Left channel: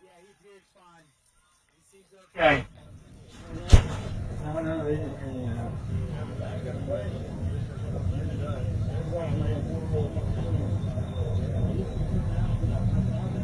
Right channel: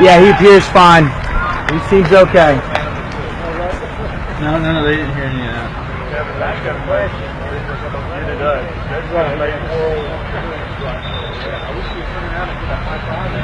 Yeah, he appears fine. He seems okay. No, they didn't hear any of that. Yeah, but I got a question. That's right. I wish we turned around and did a high five.